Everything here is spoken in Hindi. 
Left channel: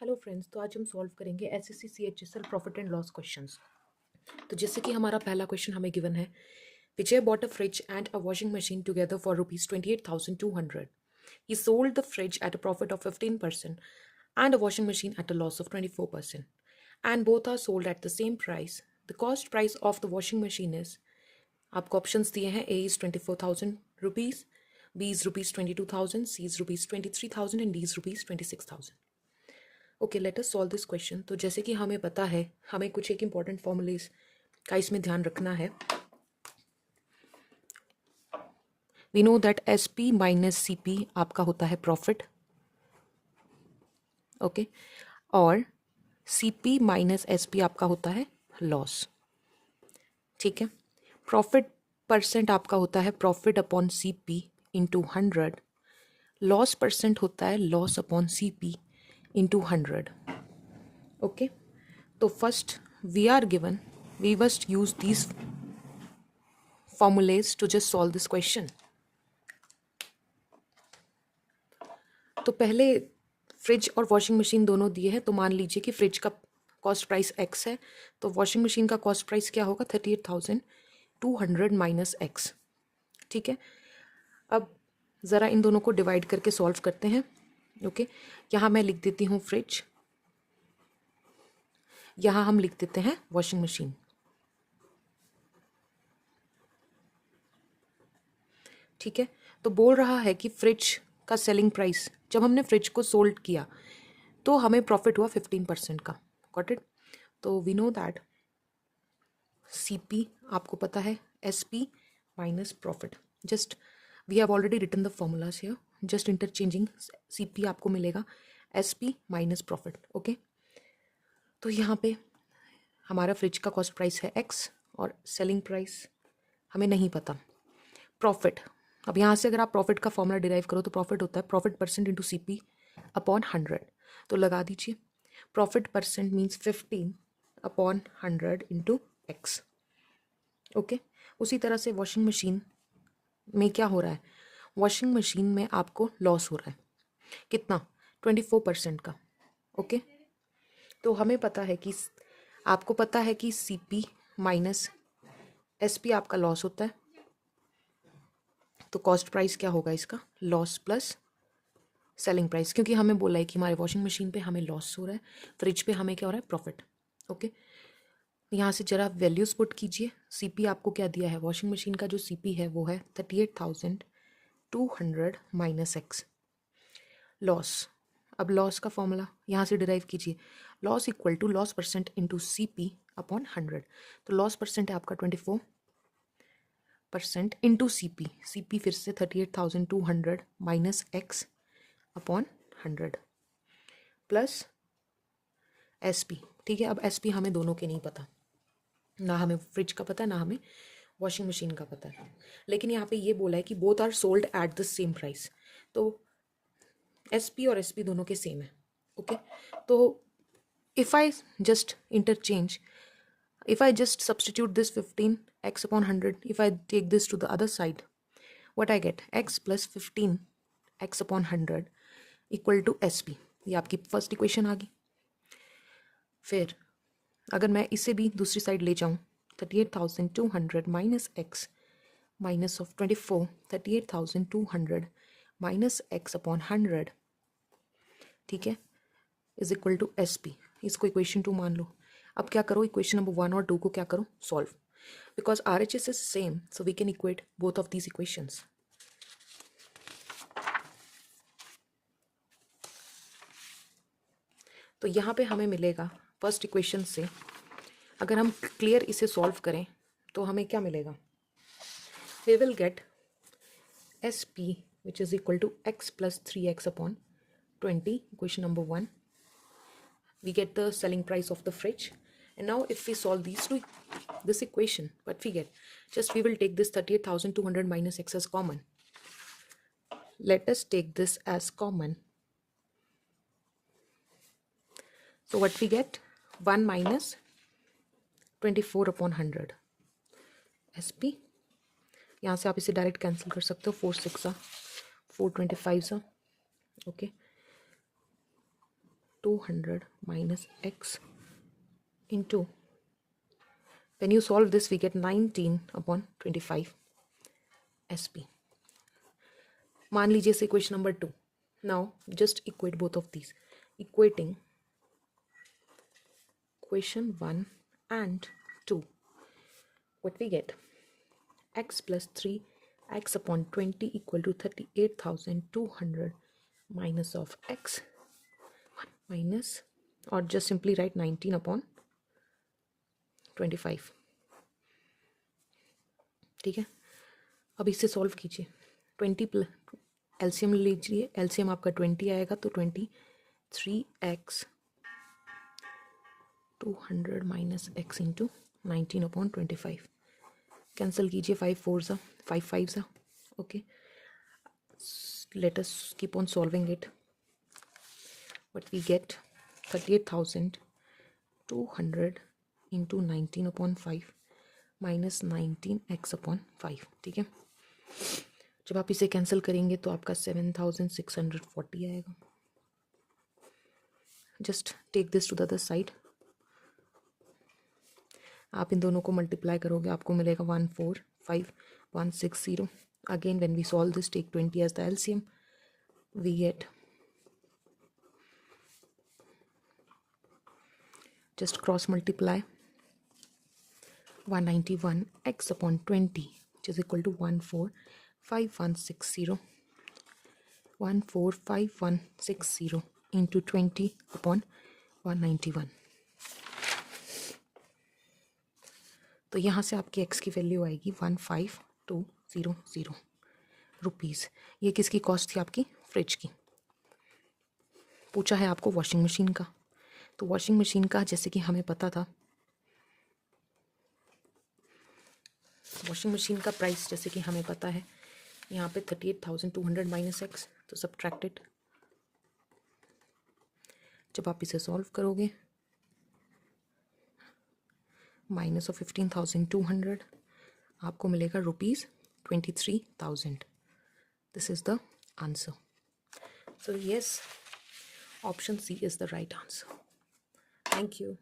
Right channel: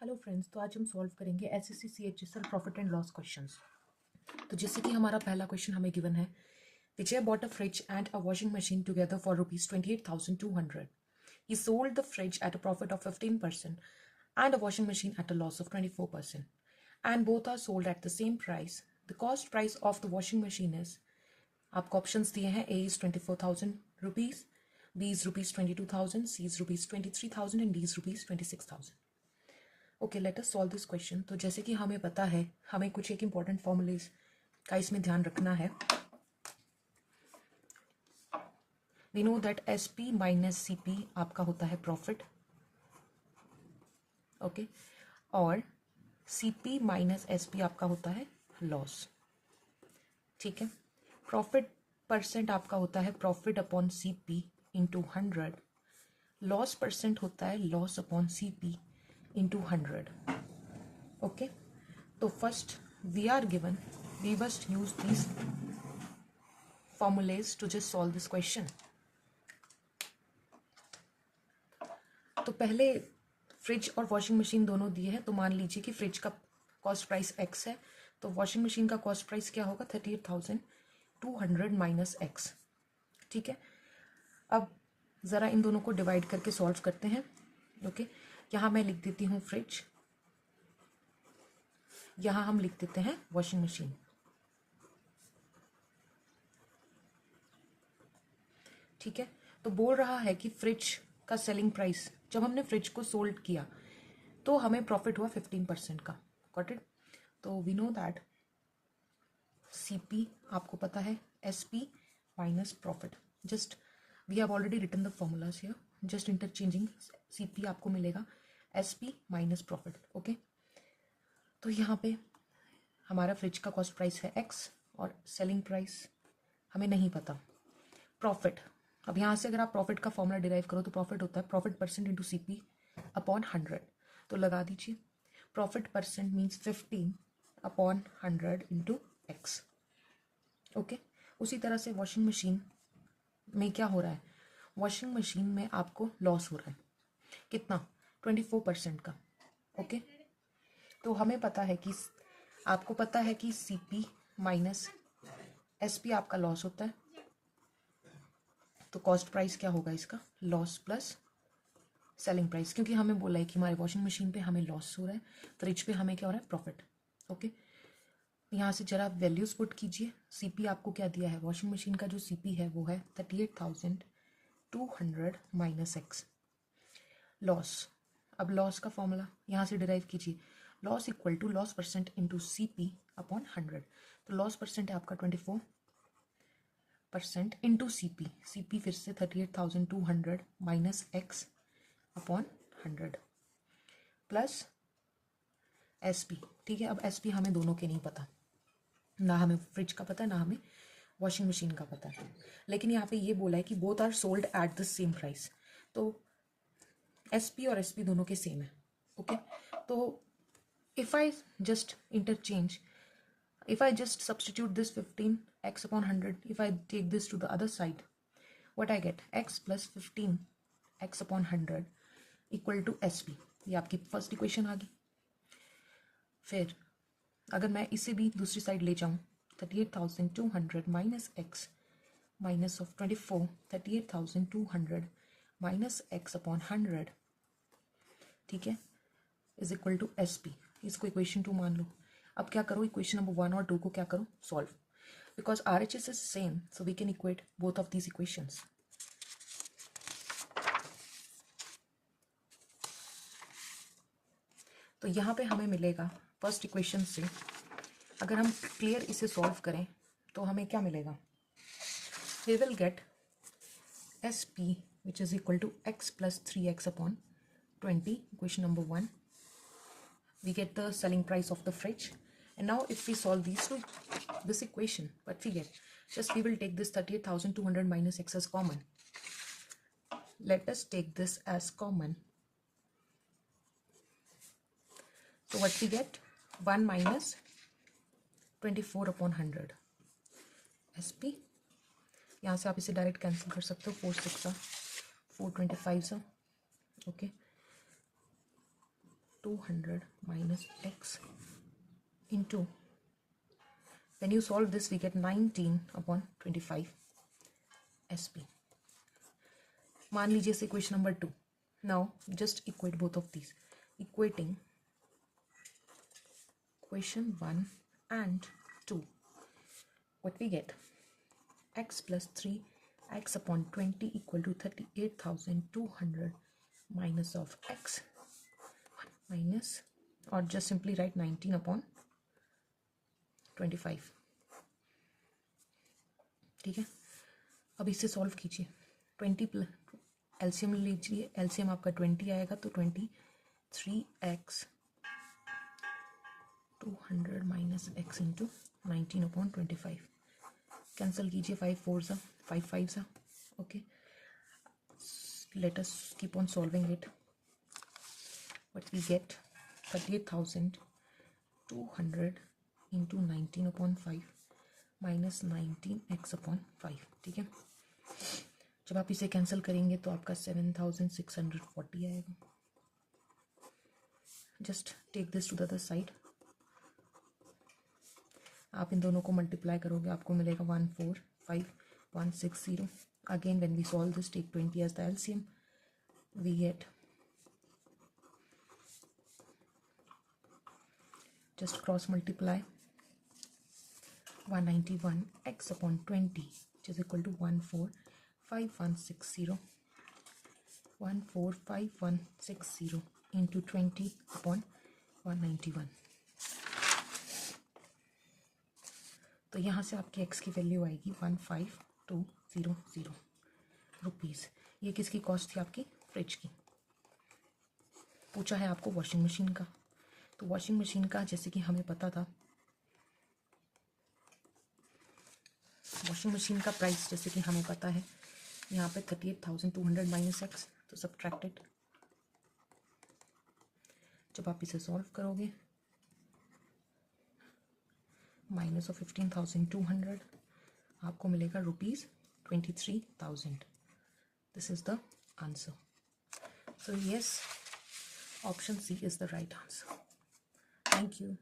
हेलो फ्रेंड्स, तो आज हम सॉल्व करेंगे SSC CHSL profit and loss questions. तो जैसे कि हमारा पहला क्वेश्चन हमें गिवन है, Vijay bought a fridge and a washing machine together for ₹28,200. He sold the fridge at a profit of 15% and a washing machine at a loss of 24%. And both are sold at the same price. The cost price of the washing machine is, आपको ऑप्शंस दिए हैं, A is ₹24,000, B is ₹22,000, C is ₹23,000 and D is ₹26,000. Okay, let us solve this question. तो जैसे कि हमें पता है, हमें कुछ एक इंपॉर्टेंट फॉर्मूलेज का इसमें ध्यान रखना है। We know that S P minus C P आपका होता है प्रॉफिट, ओके, और C P minus S P आपका होता है लॉस। ठीक है, प्रॉफिट परसेंट आपका होता है profit upon C P into 100, loss percent होता है loss upon C P into 100। Okay, तो first we are given, we must use these formulas to just solve this question. तो पहले फ्रिज और वॉशिंग मशीन दोनों दिए हैं, तो मान लीजिए कि फ्रिज का कॉस्ट प्राइस x है, तो वॉशिंग मशीन का कॉस्ट प्राइस क्या होगा, 38,200 माइनस x। ठीक है, अब ज़रा इन दोनों को डिवाइड करके सॉल्व करते हैं। ओके, यहाँ मैं लिख देती हूँ फ्रिज, यहाँ हम लिख देते हैं वॉशिंग मशीन। ठीक है, तो बोल रहा है कि फ्रिज का सेलिंग प्राइस, जब हमने फ्रिज को सोल्ड किया तो हमें प्रॉफिट हुआ 15% का। Got it? तो we know that C P आपको पता है S P minus profit. Just we have already written the formulas here, just interchanging. C P आपको मिलेगा S P minus profit. Okay, तो यहाँ पे हमारा फ्रिज का कॉस्ट प्राइस है एक्स और सेलिंग प्राइस हमें नहीं पता। प्रॉफिट, अब यहाँ से अगर आप प्रॉफिट का फॉर्मूला डिराइव करो तो प्रॉफिट होता है profit percent into C P upon 100। तो लगा दीजिए, profit percent means 15 upon 100 into x. Okay, उसी तरह से वॉशिंग मशीन में क्या हो रहा है, वॉशिंग मशीन में आपको लॉस हो रहा है कितना, 24% का। ओके, तो हमें पता है कि आपको पता है कि C P minus S P आपका लॉस होता है, तो कॉस्ट प्राइस क्या होगा इसका, लॉस प्लस सेलिंग प्राइस, क्योंकि हमें बोला है कि हमारे वॉशिंग मशीन पे हमें लॉस हो रहा है, फ्रिज पे हमें क्या हो रहा है, प्रॉफिट। ओके, यहाँ से जरा वैल्यूज पुट कीजिए। सीपी आपको क्या दिया है, वॉशिंग मशीन का जो सीपी है वो है 38,200 माइनस एक्स। लॉस, अब लॉस का फॉर्मूला यहाँ से डिराइव कीजिए, loss equal to loss percent into C P upon 100। तो लॉस परसेंट है आपका 24% इंटू सी पी फिर से 38,200 minus x upon 100 plus S P. ठीक है, अब एस पी हमें दोनों के नहीं पता, ना हमें फ्रिज का पता है ना हमें वॉशिंग मशीन का पता है, लेकिन यहाँ पे ये बोला है कि both are sold at the same price, तो एस पी और एस पी दोनों के सेम है। ओके, तो if I just interchange, if I just substitute this 15x upon 100, if I take this to the other side, what I get, x plus 15x upon 100 equal to sp। ये आपकी फर्स्ट इक्वेशन आ गई। फिर अगर मैं इसे भी दूसरी साइड ले जाऊँ, 38,200 minus x minus of 24, 38,200 minus x upon 100, ठीक है, is equal to S P. इसको इक्वेशन 2 मान लो। अब क्या करो, इक्वेशन नंबर 1 और 2 को क्या करो, solve, because R H S is same, so we can equate both of these equations. तो यहाँ पे हमें मिलेगा फर्स्ट इक्वेशन से, अगर हम क्लियर इसे सॉल्व करें तो हमें क्या मिलेगा, we will get S P which is equal to x plus 3x upon 20, equation number 1। We get the selling price of the fridge, and now if we solve this equation, what we get, just we will take this 38,200 minus x as common. Let us take this as common, so what we get, 1 minus 24 upon 100 sp। यहाँ से आप इसे डायरेक्ट कैंसिल कर सकते हो, 4 6 4 25 okay, 200 minus x into, when you solve this we get 19 upon 25 SP. मान लीजिए से equation number 2. Now just equate both of these. Equating equation 1 and 2, what we get? X plus 3x upon 20 equal to 38,200 minus of x minus, or just simply write 19 upon 25. ठीक है, अब इसे सॉल्व कीजिए. 20 प्लस एलसीएम लीजिए, एलसीएम आपका 20 आएगा तो 23x 200 minus x into 19 upon 25. Cancel कीजिए, 5 4 सा 5 5 सा. Okay, let us keep on solving it. What we get 38,200 into 19 upon 5 minus 19x upon 5. ठीक है, जब आप इसे कैंसिल करेंगे तो आपका 7,640 आएगा. Just take this to the other side. आप इन दोनों को मल्टीप्लाई करोगे, आपको मिलेगा 145,160. Again when we solve this, take 20 as the LCM. We get, just cross multiply 191x upon 20, which is equal to 145,160. 145,160 into 20 upon 191. तो यहाँ से आपकी x की वैल्यू आएगी 15,200 रुपीज़. ये किसकी कॉस्ट थी? आपकी फ्रिज की. पूछा है आपको वॉशिंग मशीन का. तो वॉशिंग मशीन का जैसे कि हमें पता था, वॉशिंग मशीन का प्राइस जैसे कि हमें पता है, यहाँ पे 38,200 माइनस एक्स, तो सब्ट्रैक्टेड. जब आप इसे सॉल्व करोगे, माइनस ऑफ 15,200 आपको मिलेगा ₹23,000. This is the answer. So yes, option C is the right answer. Thank you.